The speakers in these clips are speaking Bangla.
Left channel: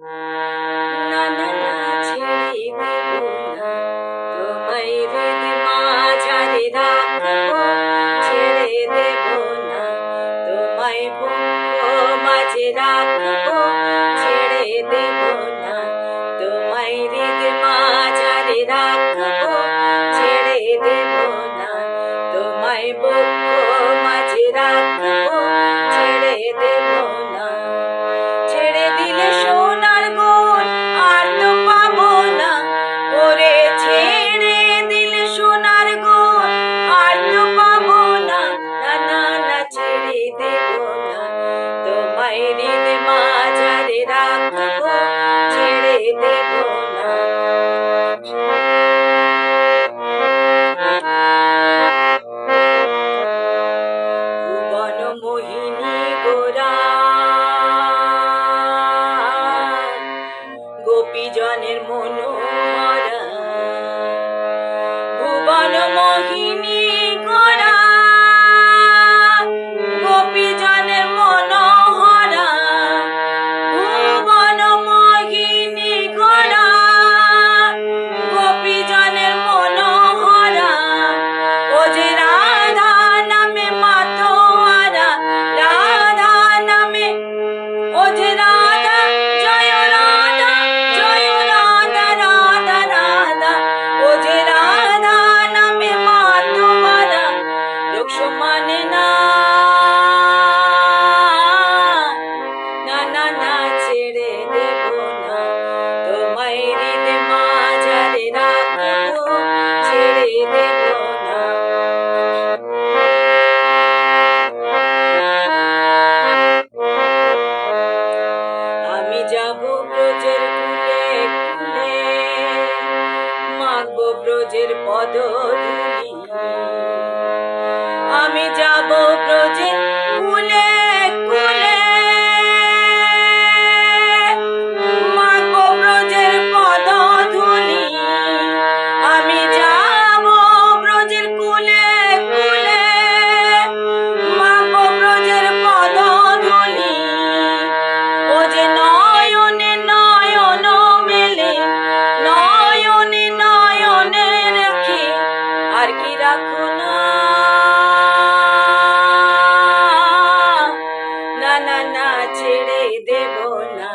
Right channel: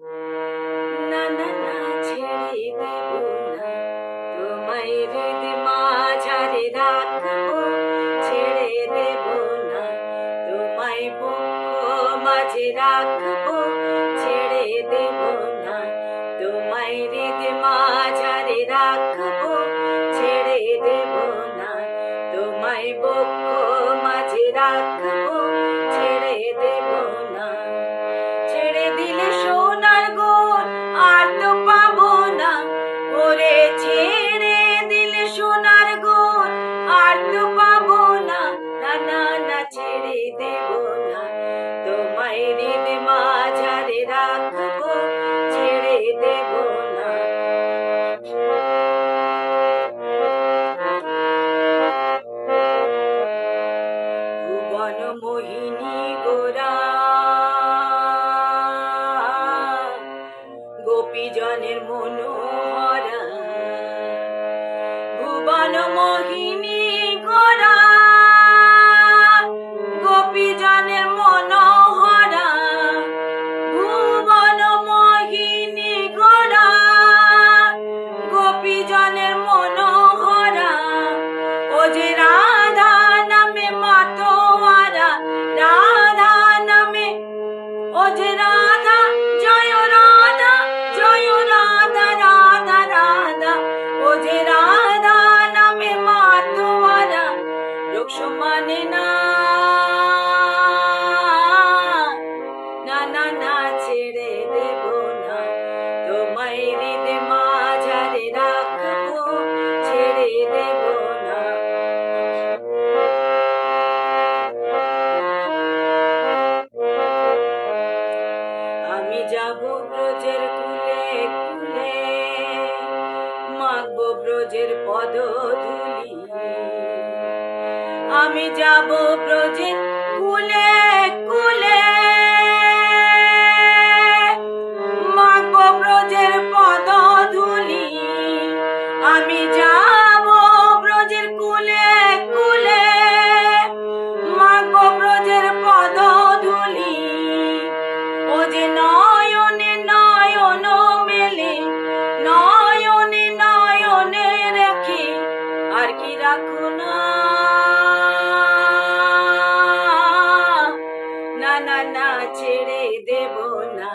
না না না, ছেড়ে দেব না। তোমায় হৃদ মাঝারে রাখব, ছেড়ে দেব না। তোমায় বুক মাঝে রাখব, ছেড়ে দেব তো পাবো না না না না ছেড়ে দেব না। তোমায় হৃদ মাঝারে রাখব, ছেড়ে দেব মনোহরা। ভুবন মোহিনী না ছেড়ে দেব না। তোমায় হৃদ রাখব, ছেড়ে দেব না। আমি যাব ব্রজের কুলে কুলে। মাগবো ব্রজের পদধূলি। আমি আর কি রাখো না? না না ছেড়ে দেব না।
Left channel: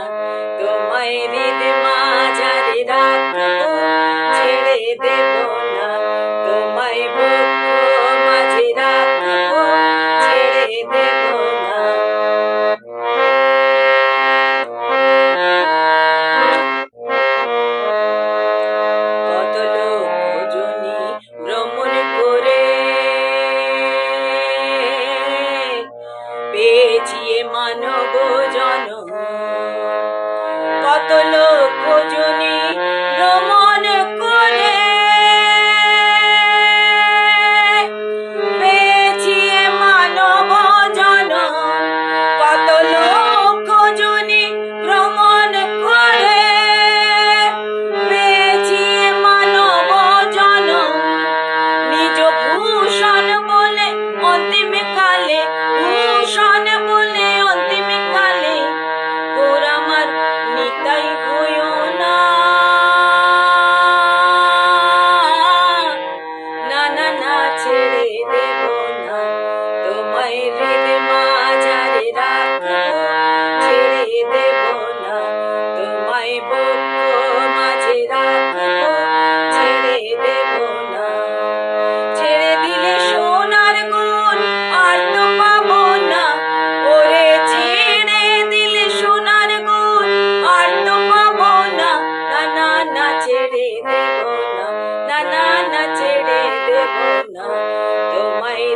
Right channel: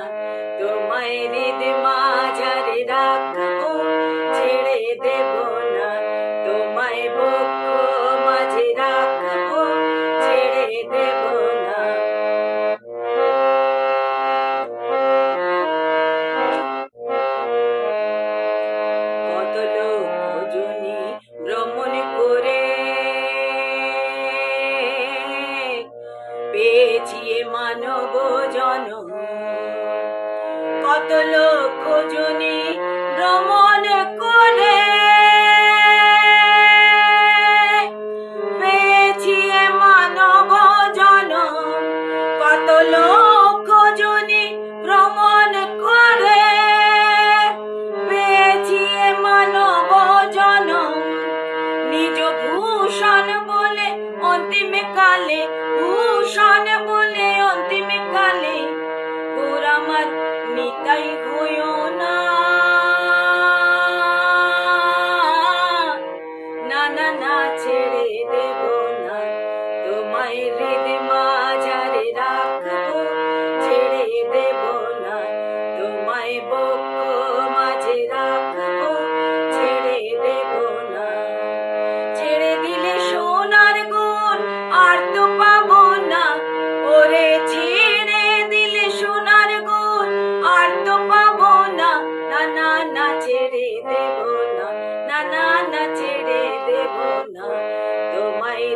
তোমায় হৃদ মাঝারে রাখব, ছেড়ে দেব পেয়েছি এ মানব জন কত লোক ভোজনী ভ্রমণ করে। পেয়েছি এ মানব জন কত লোক জনী ভ্রমণ করে। পেয়েছি এ মানব জন নিজ নিতাই হইও না। না না ছেড়ে দেব না। তোমায় হৃদ না ছেড়ে দেব না তোমায়